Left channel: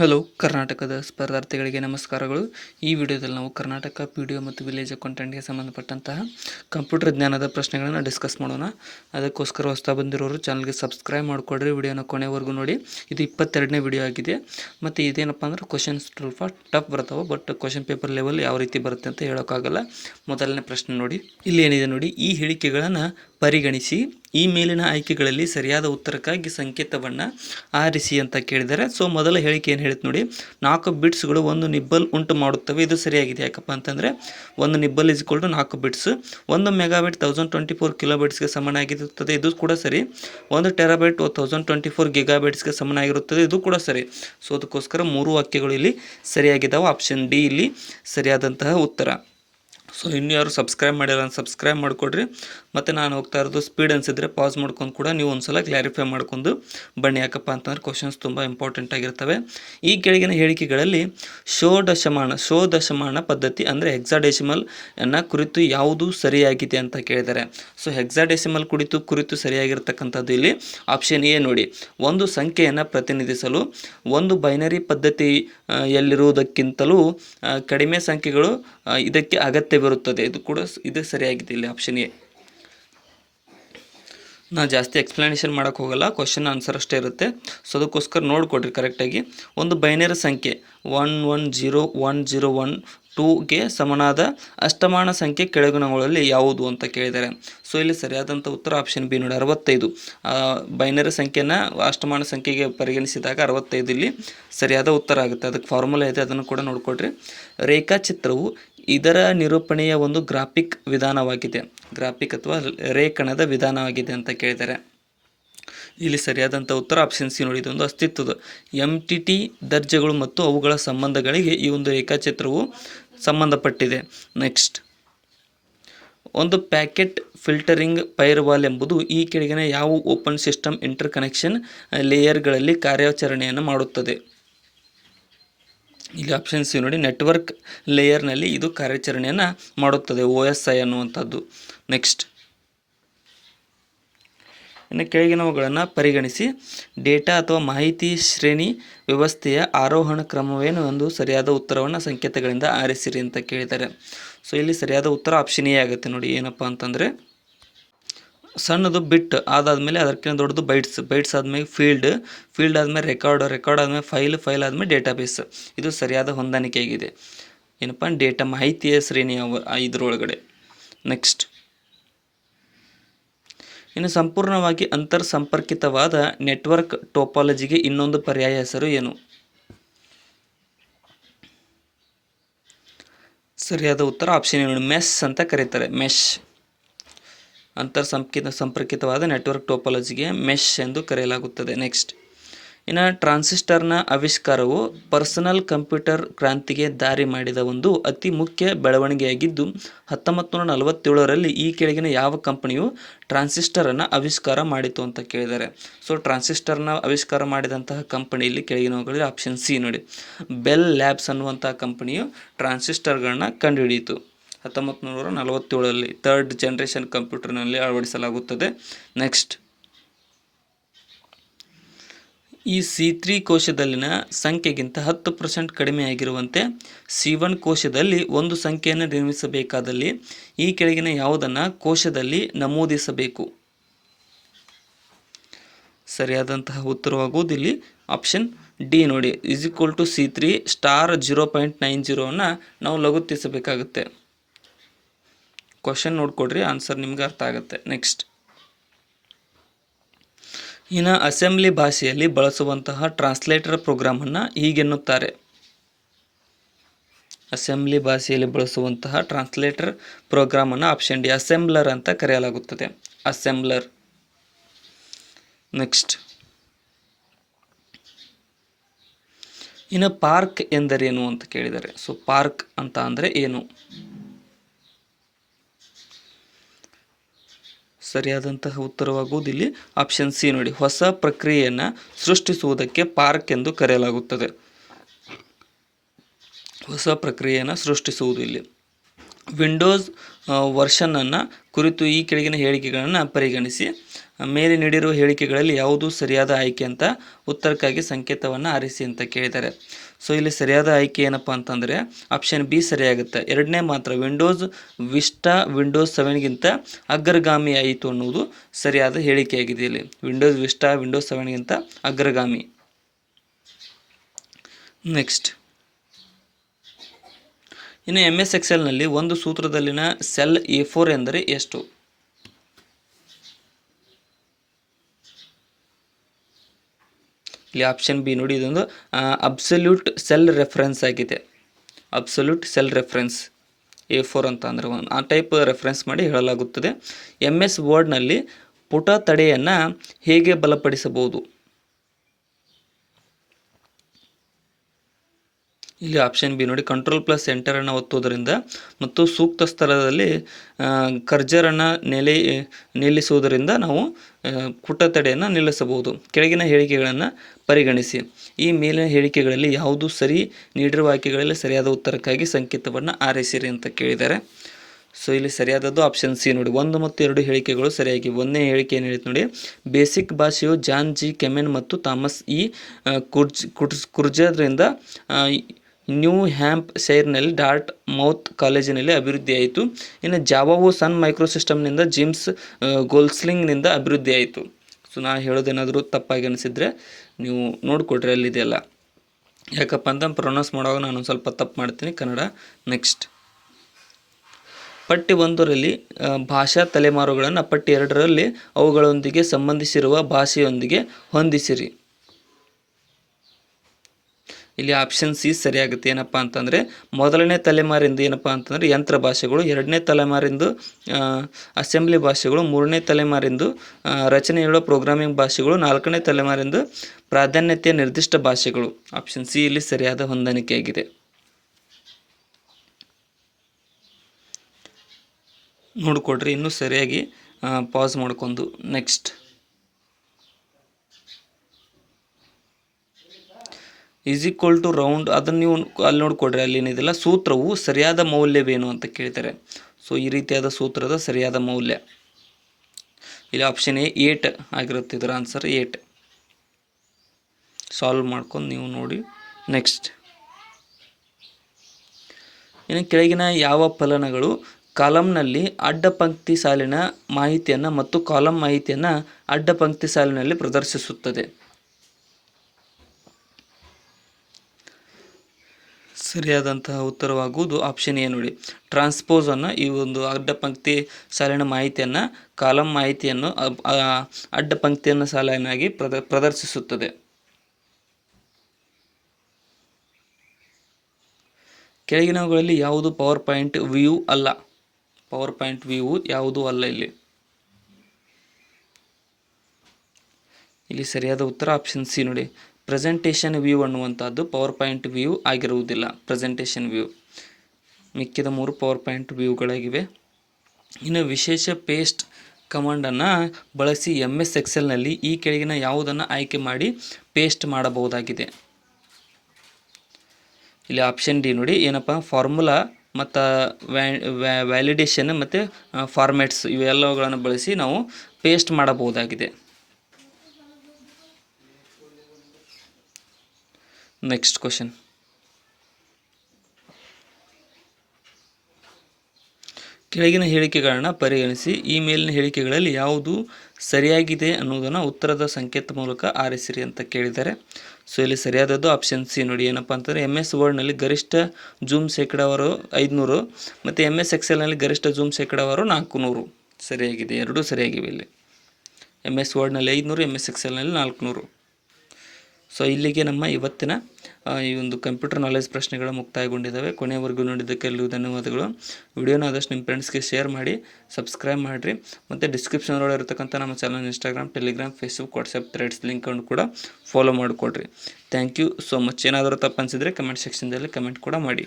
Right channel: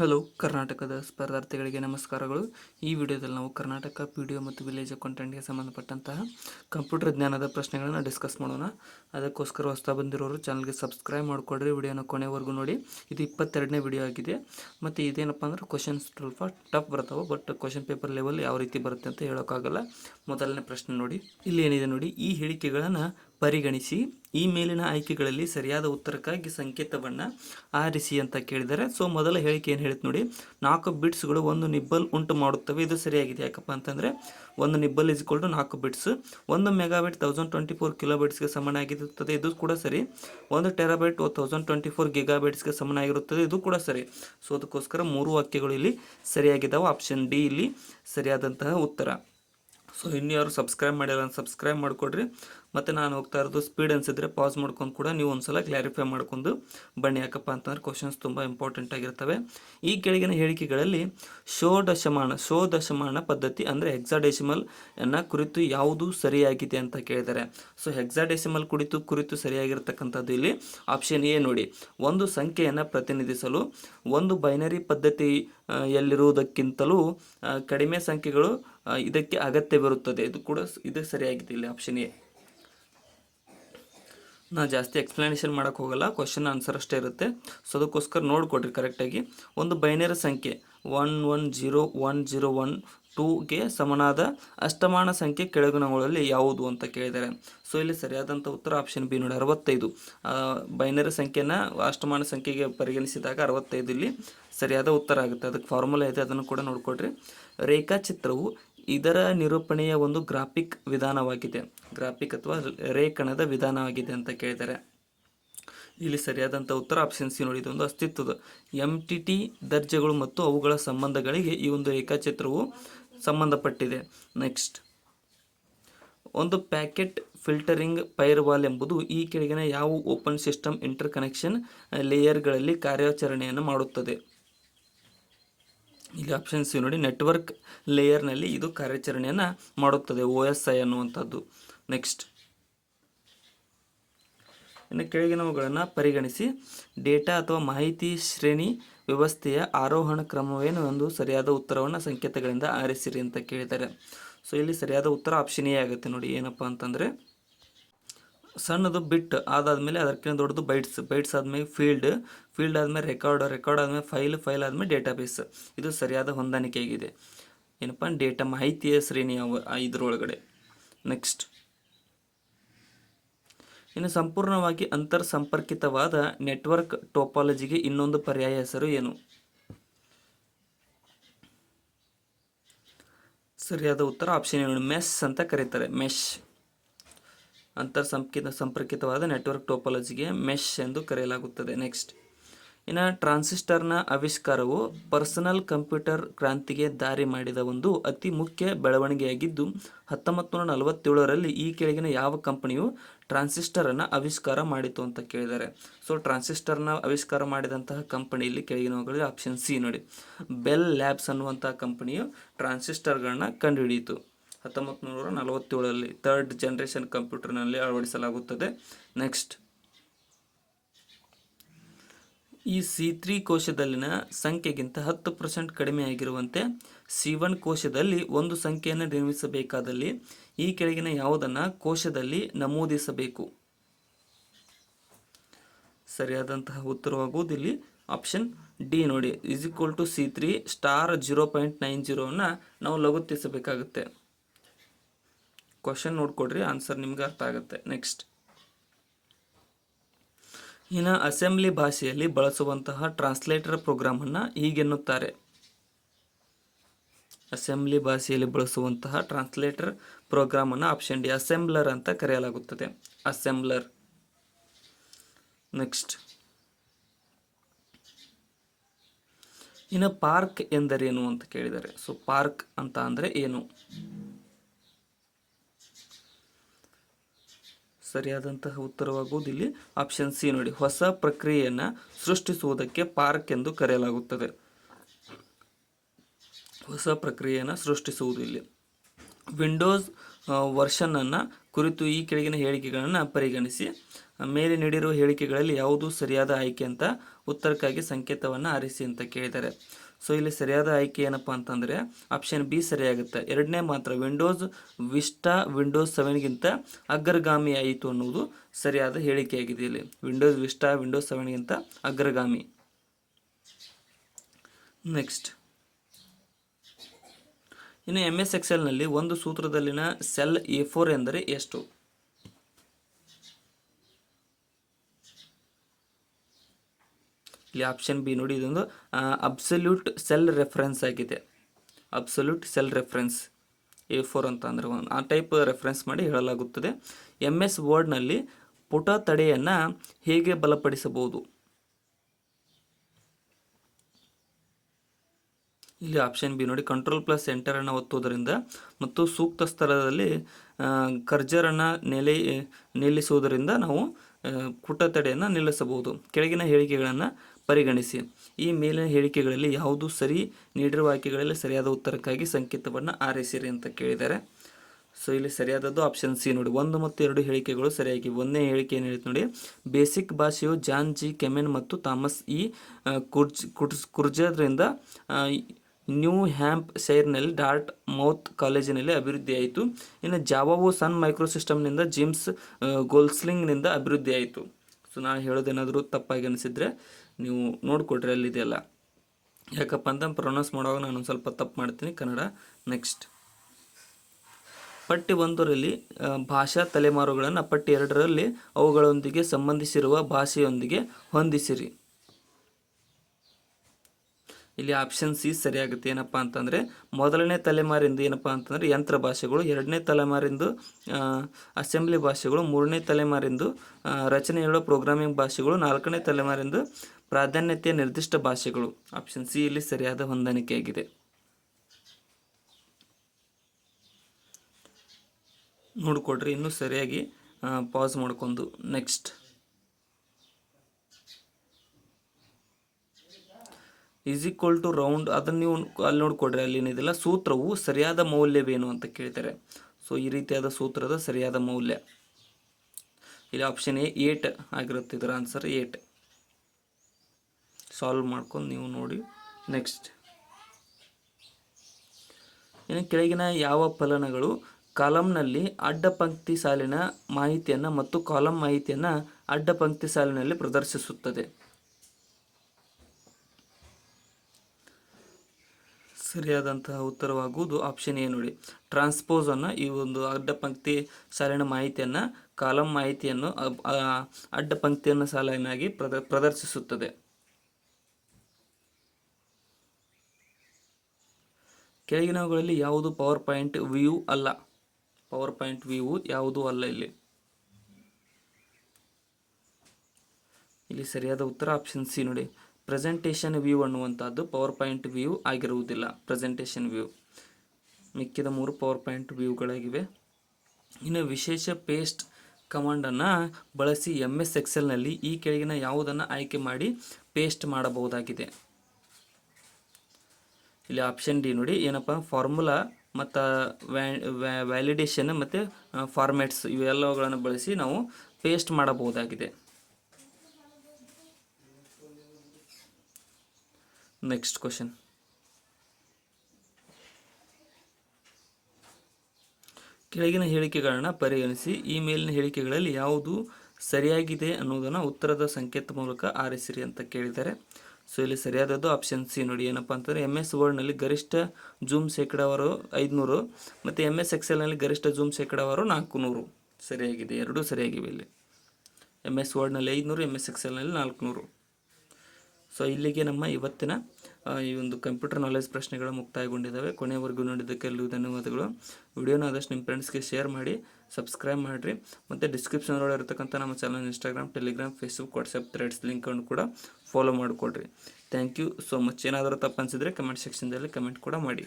Hello ಕರ್ನಾಟಕದ ಸ್ಪರ್ಧಾರ್ಥಿಗಳಿಗೆ ನಮಸ್ಕಾರಗಳು. ಈ ವಿಡಿಯೋದಲ್ಲಿ ನಾವು ಕರ್ನಾಟಕ PDO ಮತ್ತು ವಿಲೇಜ್ ಅಕೌಂಟೆಂಟ್ಗೆ ಸಂಬಂಧಪಟ್ಟಂತಹ ಕಂಪ್ಯೂಟರ್ ಜ್ಞಾನದ ಪ್ರಶ್ನೆಗಳನ್ನು ಡಿಸ್ಕಸ್ ಮಾಡೋಣ. ಅದಕ್ಕೋಸ್ಕರ ಹೊಸ್ತಾ ಬಂದಿರೋರು ಚಾನಲ್ಗೆ ಸಬ್ಸ್ಕ್ರೈಬ್ ಮಾಡಿಕೊಡ್ರಿ, ವಿಡಿಯೋನ ಕೊನೆವರೆಗೂ ನೋಡಿ. ಇದು 22ನೇ ವಿಡಿಯೋ ಆಗಿದೆ. ಮತ್ತು ಇದೇನಪ್ಪ ಅಂದ್ರೆ ಕ್ವಶನ್ಸ್ ಸ್ವಲ್ಪ ಟಫ್ ಬರ್ತಾವೆ, ಬಟ್ ಕ್ವಶನ್ ಪೇಪರ್ ಲೆವೆಲ್ ಯಾವ ರೀತಿ ಬರುತ್ತೆ ಅಂತ ಹೇಳೋಕ್ಕಾಗಲ್ಲ. ಮೊದಲನೇ ಪ್ರಶ್ನೆ ನೋಡಿ, ಇಲ್ಲಿ ಏನಿದೆ ನೋಡಿ, ಈ ಹೇಳಿಕೆಗಳನ್ನು ಪರಿಗಣಿಸಿ ಈ ಮೇಲಿನ ಆಯ್ಕೆಗಳಲ್ಲಿ ಸರಿಯಾದ ಉತ್ತರಕ್ಕಾಗಿ ಸಂಕೇತವನ್ನು ಆರಿಸಿ ಅಂತ ಕೇಳಿದ್ದಾರೆ. ಸೊ ಮೊದಲ ಹೇಳಿಕೆ ಏನು ಹೇಳುತ್ತೆ ನೋಡಿ, 4 ಬಿಟ್ಸ್ಗಳು ಒಂದು ನಿಬ್ಬಲ್ ಉಂಟು ಮಾಡುತ್ತವೆ. ಇದು ಸರಿಯಾಗಿದೆ. ಯಾಕಪ್ಪ ಅಂತಂದರೆ ಒಂದು nibble is equal to 4 bits. 1 megabyte 1024 ಕಿಲೋಬೈಟ್ಸ್ಗೆ ಸಮನಾಗಿರುತ್ತದೆ. ಇದು ಕೂಡ ಸರಿ. 1 ಟೆರಾಬೈಟ್ 1024 ಗಿಗಾಬೈಟ್ಸ್ಗೆ ಸಮನಾಗಿರುತ್ತದೆ. ಇದು ಕೂಡ ಸರಿ. ಸೊ ಅದಕ್ಕೋಸ್ಕರ 3 ವಾಕ್ಯಗಳು ಇಲ್ಲಿ ಸರಿಯಾಗಿದ್ದಾವೆ. ಆಪ್ಷನ್ ಡಿ ಇಲ್ಲಿ ಸರಿಯಾದಂತಹ ಉತ್ತರ. ಸೊ ಇನ್ನೂ ಯಾರು ಸಬ್ಸ್ಕ್ರೈಬ್ ಮಾಡಿಲ್ಲ ಸಬ್ಸ್ಕ್ರೈಬ್ ಮಾಡಿಕೊಡ್ರಿ. ಮತ್ತು ನಾನು ಹೋಗ್ತಾ ಇರೋದು ಸ್ಪೀಡ್ ಅನಿಸಿದ್ರೆ ಪಾಸ್ ಮಾಡ್ಕೊಂಡು ಕೂಡ ನೀವು ಒಂದು ಸಲ ಕ್ಲಾರಿಫೈ ಮಾಡ್ಕೊಂಡು ಬನ್ನಿ. ಯಾಕಪ್ಪ ಅಂತಂದ್ರೆ ಕ್ವಶನ್ಸ್ ತುಂಬ ಇಂಪಾರ್ಟೆಂಟ್ ಆಗಿರ್ತವೆ. ಈ ಕೆಳಗಿನ ಹೇಳಿಕೆಗಳಲ್ಲಿ ಶೋ ದಶಮಾನ ಪದ್ಧತಿ ಅಂದರೆ ಹೆಕ್ಸಾಡೆಸಿಮಲ್ ಅನ್ನು ಕುರಿತು ಯಾವುದು ಸರಿಯಾಗಿದೆ ಅಂತ ಕೇಳಿದ್ದಾರೆ. ಸೊ ಹೆಕ್ಸಾಡೆಸಿಮಲ್ ಕುರಿತು ಸರಿಯಾಗಿರ್ತಕ್ಕಂಥದ್ದು ಇಲ್ಲಿ ಆಪ್ಷನ್ ಎ ನೋಡಿ. ಒಂದು ಸಂಖ್ಯೆಯನ್ನು ಪ್ರತಿನಿಧಿಸಲು ಒಂದು ಬೈನರಿ ಪದ್ಧತಿಯಲ್ಲಿರುವುದಕ್ಕಿಂತಲೂ ಕಡಿಮೆ ಸಂಖ್ಯೆಗಳು ಇದಕ್ಕೆ ಅಗತ್ಯವಿರುತ್ತದೆ. ಇದು ಸರಿಯಾಗಿದೆ ಇಲ್ಲಿ ಆಪ್ಷನ್ ಎ. ನಾನು ಜಾಸ್ತಿ ಎಕ್ಸ್ಪ್ಲನೇಷನ್ ಮಾಡೋಕ್ಕೆ ಹೋಗಲ್ಲ, ಕ್ವಶನ್ ಆನ್ಸರ್ ಅಷ್ಟೇ ಇರುತ್ತೆ. ಸೊ ಅದಕ್ಕೋಸ್ಕರ ನೋಡಿಕೊಡ್ರಿ ಕರೆಕ್ಟಾಗಿ. ಒಂದು ಬೈನರಿ ಸಂಖ್ಯೆ 110101 ಸಮನಾದ ಅಷ್ಟಮಾನ ಸಂಖ್ಯೆ ಕೆಳಗಿನವುಗಳಲ್ಲಿ ಯಾವುದು ಅಂತ ಕೇಳಿದ್ದಾರೆ. ಸೊ ಇಲ್ಲಿ ಸರಿಯಾದಂಥ ಉತ್ತರ ಆಪ್ಷನ್ ಬಿ ನೋಡಿ, 65. ಬೈನರಿ ಸಂಖ್ಯೆನ ಅಷ್ಟಮಾನ ಸಂಖ್ಯೆಗೆ ಪರಿಗಣಿಸಿದಾಗ 65 ಇಲ್ಲಿ ಸರಿಯಾದ ಉತ್ತರ ಆಗುತ್ತೆ. ಅದಕ್ಕೆ ಫಾರ್ಮುಲಾ ಇದೆ, ಅದನ್ನು ಕೂಡ ನೋಡಿಕೊಡ್ರಿ. ರೇಖಾಚಿತ್ರವು ಇದರ ನಿರೂಪಣೆಯ ಒಂದು ಗ್ರಾಫಿಕ್ ವಿಧಾನವಾಗಿದೆ. ಗ್ರಾಫಿಕ್ ಅಥವಾ ರೇಖಣದ ವಿಧಾನವಾಗಿದೆ ಅಂತ ಕೇಳಿದ್ದಾರೆ. ಇಲ್ಲಿ ಸರಿಯಾದಂಥ ಉತ್ತರ ಆಪ್ಷನ್ ಸಿ ನೋಡಿ. ಇದೊಂದು ಅಸ್ತಿತ್ವದ MTT ದರ್ಜೆಗಳು ಮತ್ತು ಅವುಗಳ ಸಂಬಂಧಗಳಿಗೆ ಈ ಒಂದು ರೇಖಾಚಿತ್ರವು ಸಂಬಂಧಪಟ್ಟಿದೆ. ನೆಕ್ಸ್ಟ್, ಒಂದು ಪ್ಯಾಕೆಟ್ ಫಿಲ್ಟರಿಂಗ್ ಫೈರ್ವಾಲ್ ಎಂಬುದು ಈ ಕೆಳಗಿನ ಯಾವ ಓಪನ್ ಸಿಸ್ಟಮ್ ಇಂಟರ್ ಕನೆಕ್ಷನ್ ಲೇಯರ್ಗಳಲ್ಲಿ ಕಾರ್ಯಾಚರಣೆಯನ್ನು ಮಾಡುತ್ತದೆ. ಇಲ್ಲಿ ಆಪ್ಷನ್ ಸಿ ನೋಡಿ, ನೆಟ್ವರ್ಕ್ ಲೇಯರ್ನಲ್ಲಿ ಇದು ಕಾರ್ಯಾಚರಣೆಯನ್ನು ಮಾಡುತ್ತದೆ, OSI ಅನ್ನುವಂಥದ್ದು. ನೆಕ್ಸ್ಟ್, ಇನ್ನು ಕೆಳಗಿನವುಗಳನ್ನು ಪರಿಗಣಿಸಿ ಡೇಟಾ ಅಥವಾ ಮಾಹಿತಿ ಶ್ರೇಣಿ ವ್ಯವಸ್ಥೆಯ ಆರೋಹಣ ಕ್ರಮವೇನು ಎಂದು ಸರಿಯಾದ ಉತ್ತರವನ್ನು ಸಂಕೇತಗಳಿಂದ ಆರಿಸಿರಿ ಅಂತ ಕೇಳಿದ್ದಾರೆ. ಸೊ ಇಲ್ಲಿ ಸರಿಯಾದ ಉತ್ತರ ಆಪ್ಷನ್ ಎ ಆಗುತ್ತೆ ನೋಡಿ. ಏನಪ್ಪ ಅಂತಂದರೆ ಸಣ್ಣದು ಬಿಟ್ ಅದಾದಮೇಲೆ ಅದಕ್ಕಿಂತ ದೊಡ್ಡದು ಬೈಟ್ಸ್ ಆದಮೇಲೆ ಫೀಲ್ಡ್ ಆದಮೇಲೆ ರೆಕಾರ್ಡ್ ಆದಮೇಲೆ ಫೈಲ್ ಆದಮೇಲೆ ಡೇಟಾಬೇಸ್. ಇದು ಸರಿಯಾದ ಹೊಂದಾಣಿಕೆ ಆಗಿದೆ. ಏನಪ್ಪ, ಡೇಟಾ ಮಾಹಿತಿಯ ಶ್ರೇಣಿ ಇದರೊಳಗಡೆ. ನೆಕ್ಸ್ಟ್, ಇನ್ನು ಸಂಪೂರ್ಣವಾಗಿ ಅಂತರ್ ಸಂಪರ್ಕಿತವಾದ ನೆಟ್ವರ್ಕ್ ಟೋಪಾಲಜಿಗೆ ಇನ್ನೊಂದು ಪರ್ಯಾಯ ಹೆಸರು ಏನು? ಸರಿಯಾದ ಉತ್ತರ ಆಪ್ಷನ್ ಏನು, ಮೆಶ್ ಅಂತ ಕರೀತಾರೆ. ಮೆಶ್, ಅಂತರ್ ಸಂಪರ್ಕಿತವಾದ ನೆಟ್ವರ್ಕ್ ಟೋಪಾಲಜಿಗೆ ಮೆಶ್ ಎಂದು ಕರೆಯಲಾಗುತ್ತದೆ. ನೆಕ್ಸ್ಟ್, ಇನ್ನು ಟ್ರಾನ್ಸಿಸ್ಟರ್ನ ಆವಿಷ್ಕಾರವು ಪರ್ಸನಲ್ ಕಂಪ್ಯೂಟರ್ ಕ್ರಾಂತಿಗೆ ದಾರಿ ಮಾಡಿದ ಒಂದು ಅತಿ ಮುಖ್ಯ ಬೆಳವಣಿಗೆಯಾಗಿದ್ದು 1947ರಲ್ಲಿ ಈ ಕೆಳಗಿನ ಯಾವ ಕಂಪನಿಯು ಟ್ರಾನ್ಸಿಸ್ಟರನ್ನು ಆವಿಷ್ಕಾರ ಮಾಡಿತು ಅಂತ ಕೇಳಿದ್ದಾರೆ. ಸೊ ಟ್ರಾನ್ಸಿಸ್ಟರ್ನ ಆವಿಷ್ಕಾರ ಮಾಡಿದಂತಹ ಕಂಪನಿಯಲ್ಲಿ ಕೆಳಗಿನವುಗಳಲ್ಲಿ ಆಪ್ಷನ್ ಸಿ ನೋಡಿ, ಬೆಲ್ ಲ್ಯಾಬ್ಸ್ ಅನ್ನುವಂತಹ ಕಂಪನಿಯು ಟ್ರಾನ್ಸಿಸ್ಟರ್ಗಳನ್ನ ಕಂಡುಹಿಡಿಯಿತು. 1947ರಲ್ಲಿ 3rd ಜನರೇಷನ್ ಕಂಪ್ಯೂಟರ್ನಲ್ಲಿ ಅಳವಡಿಸಲಾಗುತ್ತದೆ. ನೆಕ್ಸ್ಟ್, ಈ C3 ಕೋಶದಲ್ಲಿನ ಸಂಖ್ಯೆಗಿಂತ 10% ಕಡಿಮೆಯಾಗಿರುವಂತೆ C1 ಕೋಶದಲ್ಲಿ ಒಂದು ಸಂಖ್ಯೆಯನ್ನು ನಿರ್ಮಿಸಬೇಕಾದಲ್ಲಿ ಈ ಕೆಳಗಿನ ಯಾವುದನ್ನು ಕೋಶದಲ್ಲಿ ನಮೂದಿಸಬೇಕು? ಸರಿಯಾದಂತಹ ಉತ್ತರವಾಗುವುದು ಇಲ್ಲಿ ಆಪ್ಷನ್ ಡಿ ನೋಡಿ, C3 *0.90 ನಾವು ಲಘೂತ್ತಿಸಬೇಕಾಗುತ್ತೆ. ಕ್ವಶನ್ ನೋಡ್ಕೊಡ್ರಿ, ಆನ್ಸರ್ ನಿಮ್ಗೆ ಅರ್ಥ ಆಗುತ್ತೆ. ನೆಕ್ಸ್ಟ್, ಇನ್ನು ಅಸೆಂಬ್ಲಿ ಭಾಷೆಯಲ್ಲಿ ಬಳಸುವಂತಹ ಟ್ರಾನ್ಸ್ಲೇಟರ್ ಪ್ರೋಗ್ರಾಮನ್ನು ಹೀಗೆನ್ನುತ್ತಾರೆ. ಅಸೆಂಬ್ಲಿ ಭಾಷೆಯಲ್ಲಿ ಬಳಸುವಂತಹ ಟ್ರಾನ್ಸ್ಲೇಟರ್ ಪ್ರೋಗ್ರಾಮನ್ನು ಆಪ್ಷನ್ ಡಿ ಅಸೆಂಬ್ಲರ್ ಅಂತ ಕರೆಯಲಾಗುತ್ತದೆ. ಅಸೆಂಬ್ಲರ್. ನೆಕ್ಸ್ಟ್, ಇನ್ನು ಪಾರ್ಕ್ ಎಂದರೇನು ಅಂತ ಕೇಳಿದ್ದಾರೆ. ಸೊ ಪಾರ್ಕ್ ಅಂತ ಅಂದರೆ ಏನು? ಸರಿಯಾದಂತಹ ಉತ್ತರವಾಗುವುದು ಇಲ್ಲಿ ಆಪ್ಷನ್ ಸಿ ನೋಡಿ, ಹೊಸ ಪ್ರಕ್ರಿಯೆಯನ್ನು ಸೃಷ್ಟಿಸುವುದಕ್ಕೆ ಪಾರ್ಕ್ ಎಂದು ಕರೆಯಲಾಗುತ್ತದೆ. ಹೊಸ ಪ್ರಕ್ರಿಯೆಯನ್ನು ಸೃಷ್ಟಿಸುವುದು ಇಲ್ಲಿ ವಿಂಡೋಸ್ ವರ್ಷನನ್ನು ಕುರಿತು ಈ ಕೆಳಗಿನ ಹೇಳಿಕೆಗಳನ್ನು ಪರಿಗಣಿಸಿ. ಮೇಲೆ ನೀಡಿರುವ ಹೇಳಿಕೆಗಳಲ್ಲಿ ಯಾವುದು ಸರಿಯಾದ ಆಯ್ಕೆ ಅಂತ ಉತ್ತರಕ್ಕಾಗಿ ಸಂಕೇತವನ್ನು ಆರಿಸಿ ಅಂತ ಕೇಳಿದ್ದಾರೆ. ಸೊ ಇಲ್ಲಿ ಸರಿಯಾದ ಆಯ್ಕೆ ಏನಪ್ಪ ಅಂತಂದರೆ ಆಪ್ಷನ್ ಬಿ ಸರಿಯಾಗುತ್ತೆ. ಎರಡನೇ ಮಾತ್ರ ವಿಂಡೋಸ್ ವಿಸ್ಟಾ ವಿಂಡೋಸ್ 7ಗಿಂತ ಅಗ್ರಗಾಮಿ ಆಯಿತು ಅನ್ನುವುದು ಸರಿಯಾದ ಹೇಳಿಕೆಯಾಗಿದೆ. ಇಲ್ಲಿ ವಿಂಡೋಸ್ ವಿಸ್ಟಾ ವಿಂಡೋಸ್ 7ಗಿಂತ ಅಗ್ರಗಾಮಿ. ನೆಕ್ಸ್ಟ್, ಇನ್ನು MS ಎಕ್ಸೆಲ್ನಲ್ಲಿ ಒಂದು ಸೂತ್ರದಲ್ಲಿನ ಸೆಲ್ A4 ಎಂದರೆ ಎಷ್ಟು? ಇಲ್ಲಿ ಆಪ್ಷನ್ ಬಿ ನೋಡಿ, ಇದೊಂದು ಅಬ್ಸಲ್ಯೂಟ್ ಸೆಲ್ ರೆಫರೆನ್ಸ್ ಆಗಿದೆ. ಅಬ್ಸಲ್ಯೂಟ್ ಸೆಲ್ ರೆಫರೆನ್ಸ್ A4 ಅಂತ ಅಂದರೆ ಆ ಟೈಪ್ ರೆಫರೆನ್ಸ್ ಮಾಡಿ ಹೇಳಲಾಗುತ್ತದೆ. MS ವರ್ಡ್ನಲ್ಲಿ ಪುಟ ತಡೆಯನ್ನು ಹೇಗೆ ಬಲಪಡಿಸಬಹುದು? ಇಲ್ಲಿ ಆಪ್ಷನ್ ಬಿ ನೋಡಿ, Ctrl+Enter ಒತ್ತುವುದರಿಂದ ಮತ್ತು ಸೂಕ್ತ ಸ್ಥಳದಲ್ಲಿ ಕರ್ಜರನ್ನು ನಿಲ್ಲಿಸುವುದರಿಂದ ನಾವು ಪುಟ ತಡೆಯನ್ನು ನಿಲ್ಲಿಸಬಹುದು. ಕೆಳಗಿನ ಹೇಳಿಕೆಗಳನ್ನು ಪರಿಗಣಿಸಿ. ಈ ಮೇಲಿನ ಹೇಳಿಕೆಗಳಲ್ಲಿ ಯಾವುದು ಸರಿ? ನೀಡಿರುವ ಆಯ್ಕೆಗಳಲ್ಲಿ ಸರಿಯಾದ ಉತ್ತರಕ್ಕಾಗಿ ಸಂಕೇತವನ್ನು ಆರಿಸಿರಿ ಅಂತ ಕೇಳಿದ್ದಾರೆ. ಸೊ ಇಲ್ಲಿ ಸರಿಯಾದದ್ದು ಆಪ್ಷನ್ ಸಿ ನೋಡಿ, 1 ಮತ್ತು 2 ಹೇಳಿಕೆಗಳು ಸರಿಯಾಗಿ. ಒಂದನೇ ಹೇಳಿಕೆ ಏನು ಹೇಳಿತು ನೋಡಿ, ಬೇಸಿಕ್ ಭಾಷೆಯು ಜಾನ್ ಜಿ ಕೆಮೆನ್ ಮತ್ತು ಥಾಮಸ್ ಇ ಕುರ್ಜರ್ರಿಂದ ನ್ಯೂ ಹ್ಯಾಂಪ್ ಶೈರ್ನಲ್ಲಿ ಡಾರ್ಟ್ ಮೌತ್ ಕಾಲೇಜಿನಲ್ಲಿ ಅಭಿವೃದ್ಧಿಯಾಯಿತು. ಇನ್ನು ಜಾವಾವು ಸನ್ ಮೈಕ್ರೋಸಿಸ್ಟಮ್ನಿಂದ ಜಿಮ್ಸ್ ಗೋಲ್ಸ್ಲಿಂಗ್ನಿಂದ ಅಭಿವೃದ್ಧಿಯಾಯಿತು. ಸೊ ನಾ ಹೇಳೋದೇನಾದರೂ ತಪ್ಪಾಗಿ ಅನಿಸಿದರೆ ನೀವು ನೋಡಿಕೊಡ್ರಿ, ಅಲ್ಲಿದೆಯಲ್ಲ. ಯಾಕಪ್ಪ ಅಂತ ಪ್ರೊನೌನ್ಸ್ ಮಾಡುವಾಗ ನಾನು ಸ್ವಲ್ಪ ತಪ್ಪು ಮಾಡ್ತೀನಿ ಕನ್ನಡ. ನೆಕ್ಸ್ಟ್, ಪಟ್ಟಿ 1ರಲ್ಲಿ ಭಾಷಾ ತಲೆಮಾರುಗಳನ್ನು, ಪಟ್ಟಿ 2ರಲ್ಲಿ ಅವುಗಳೊಂದಿಗೆ ಸಂಬಂಧಿಸಿರುವ ಭಾಷೆಯೊಂದಿಗೆ ಹೊಂದಿಸಿರಿ. ಇಲ್ಲಿ ಆಪ್ಷನ್ ಸಿ ಸರಿಯಾಗುತ್ತೆ. ಏನಪ್ಪ ಅಂತಂದರೆ ಮೊದಲನೇ ತಲೆಮಾರಿಂದ ಏನಪ್ಪ ಅಂತಂದರೆ ಯಂತ್ರ ಭಾಷೆಗಳು, 2ನೇ ತಲೆಮಾರಿಂದು ಅಸೆಂಬ್ಲಿ ಭಾಷೆಗಳು, 3ನೇ ತಲೆಮಾರಿಂದು ರಚನೆ ಹೇಳುವ ಪ್ರೋಗ್ರಾಮಿಂಗ್ ಭಾಷೆಗಳು, 4ನೇ ತಲೆಮಾರಿಂದು ಪ್ರಾಧಾನ್ಯತೆಯ ನಿರ್ದಿಷ್ಟ ಭಾಷೆಗಳು. ಆಪ್ಷನ್ ಸಿ ಇಲ್ಲಿ ಸರಿಯಾದ ಹೊಂದಾಣಿಕೆಯಾಗಿದೆ. ನೋಡಿಕೊಡ್ರಿ, ಇನ್ನೂ ಸರಿಯಾಗಿ ಪಾಸ್ ಮಾಡ್ಕೊಂಡು. ನೆಕ್ಸ್ಟ್, = ರೌಂಡ್, ಅದನ್ನು ನೀವು ಅಲ್ಲಿ ನೋಡಿಕೊಡ್ರಿ, ಅಲ್ಲಿ ಏನಿದೆಲ್ಲ ಸೂತ್ರವು ಸರಿಯಾದ ಮೌಲ್ಯವೇನು ಅಂತ ಕೇಳ್ತಾರೆ. ಸೊ ಈ ರೀತಿಯಾದ ಸೂತ್ರದ ಸರಿಯಾದ ಮೌಲ್ಯ ಇಲ್ಲಿ ಆಪ್ಷನ್ ಎ 8 ಆಗಿರುತ್ತೆ. ಇದರ ಆನ್ಸರ್ 8. ಸಾಲ್ವ್ ಮಾಡ್ಕೊಂಡು ನೀವು ನೋಡಿ. ನೆಕ್ಸ್ಟ್, ಇನ್ನು ಕೆಳಗಿನ ಯಾವ ಫಲನಗಳು ಕಾಲಮ್ನಲ್ಲಿ ಅಡ್ಡ ಪಂಕ್ತಿ ಸಾಲಿನ ಮಾಹಿತಿಯನ್ನು ಮತ್ತು ಕಾಲಮ್ ಮಾಹಿತಿಯನ್ನು ಅಡ್ಡ ಪಂಕ್ತಿ ಸಾಲಿನಲ್ಲಿ ಪ್ರದರ್ಶಿಸುತ್ತದೆ? ಸರಿಯಾದಂತಹ ಉತ್ತರವಾಗುವುದು ಆಪ್ಷನ್ ಎ ನೋಡಿ, ಟ್ರಾನ್ಸ್ಪೋಸನ್ನು, ಈ ಒಂದು ಅಡ್ಡ ಪಂಕ್ತಿ ಸಾಲಿನ ಮಾಹಿತಿಯನ್ನು ಕಾಲಮ್ ಮಾಹಿತಿಯನ್ನು ಅಡ್ಡ ಪಂಕ್ತಿಯನ್ನು ಸಾಲನಾಗಿ ಪ್ರದರ್ಶಿಸುತ್ತದೆ. ಕೆಳಗಿನವುಗಳಲ್ಲಿ ಯಾವುದು ಪವರ್ ಪಾಯಿಂಟ್ ವ್ಯೂ ಅಲ್ಲ? ಪವರ್ ಪಾಯಿಂಟ್ ವ್ಯೂ ಯಾವುದೂ ಅಲ್ಲ. ಇಲ್ಲಿ ಸರಿಯಾದ ಉತ್ತರ ಆಪ್ಷನ್ ಸಿ ನೋಡಿ, ಪ್ರೆಸೆಂಟೇಷನ್ ವ್ಯೂ ಅನ್ನುವಂಥದ್ದು ಪವರ್ ಪಾಯಿಂಟ್ ವ್ಯೂ ಆಗಿರುವುದಿಲ್ಲ. ಪ್ರೆಸೆಂಟೇಷನ್ ವ್ಯೂ, ಮಿಕ್ಕಿದ 3 ಪವರ್ ಪಾಯಿಂಟ್ ವ್ಯೂಗಳಾಗಿವೆ. ಇನ್ನು ವಿಶೇಷ ಪೇಸ್ಟ್ ಕಮಾಂಡನ್ನು ಬಳಸಿ MS ಎಕ್ಸೆಲ್ನಲ್ಲಿ ಈ ಕೆಳಗಿನ ಯಾವುದನ್ನು ಆಯ್ಕೆ ಮಾಡಿ ಪೇಸ್ಟ್ ಮಾಡಬಹುದಾಗಿದೆ? ಇಲ್ಲಿ ಆಪ್ಷನ್ ಡಿ ನೋಡಿ, ಏನಪ್ಪ, ಫಾರ್ಮುಲಾ ಮತ್ತು ವ್ಯಾಲಿಡೇಷನ್ ಮತ್ತು ಫಾರ್ಮ್ಯಾಟ್ಸ್ ಇವೆಲ್ಲವುಗಳನ್ನು ಬಳಸಿ ನಾವು ಪೇಸ್ಟ್ ಮಾಡಬಹುದಾಗಿದೆ. ನೆಕ್ಸ್ಟ್ ಕ್ವಶನ್, ಕೆಳಗಿನ ಹೇಳಿಕೆಗಳನ್ನು ಪರಿಗಣಿಸಿ. ಈ ಮೇಲಿನ ಹೇಳಿಕೆಗಳಲ್ಲಿ ಯಾವುದು ಸರಿಯಾಗಿದೆ ಅನ್ನೋದನ್ನು ಉತ್ತರದ ಸಂಕೇತ ಮೂಲಕ ಆರಿಸಿರಿ ಅಂತ ಕೇಳಿದ್ದಾರೆ. ಸೊ ಇಲ್ಲಿ ಸರಿಯಾದದ್ದು ಆಪ್ಷನ್ ಸಿ ನೋಡಿ, ಏನಪ್ಪ ಅಂತಂದರೆ MS ವರ್ಡ್ನಲ್ಲಿ ಗರಿಷ್ಠ ಜೂಮ್ ಶೇಕಡಾವಾರು 500 ಮತ್ತು MS ಎಕ್ಸೆಲ್ನಲ್ಲಿ ಗರಿಷ್ಠ ಜೂಮ್ ಶೇಕಡಾವಾರು 400. ಸರಿಯಾಗಿದೆ, ಎರಡೂ ಸರಿಯಾಗಿವೆ. ಇಲ್ಲಿ MS ವರ್ಡ್ನಲ್ಲಿ 500, MS ಎಕ್ಸೆಲ್ನಲ್ಲಿ 400. ಸೊ ಇಲ್ಲಿಗೆ ನಮ್ಮ ಇವತ್ತಿನ ಈ ಒಂದು ಕಂಪ್ಯೂಟರ್ ನಾಲೆಜ್ ಪ್ರಶ್ನೆಗಳು ಮುಕ್ತಾಯಗೊಂಡಿದ್ದಾವೆ. ಕೊನೆಯವರೆಗೂ ನೋಡಿದ್ದಕ್ಕೆ ಎಲ್ಲರಿಗೂ ಧನ್ಯವಾದಗಳು. ವಿಡಿಯೋನ ಆದಷ್ಟು ನಿಮ್ಮ ಫ್ರೆಂಡ್ಸ್ಗೆ ಶೇರ್ ಮಾಡಿ, ಸಬ್ಸ್ಕ್ರೈಬ್ ಮಾಡಿರಿ. ಮತ್ತು ಡಿಸ್ಕ್ರಿಪ್ಷನ್ ಒಳಗೆ ಇರತಕ್ಕಂಥ ನಮ್ಮ channel Instagram, Telegram, Facebook, WhatsApp Threads ಲಿಂಕನ್ನು ಕೂಡ ಫಾಲೋ ಮಾಡಿಕೊಡ್ರಿ. Thank you so much. ಏನಾದರೂ ತಪ್ಪು ಅನಿಸಿದರೆ ಕಮೆಂಟ್ ಸೆಕ್ಷನ್ದಲ್ಲಿ ಕಮೆಂಟ್ ಕೂಡ ಮಾಡಿ.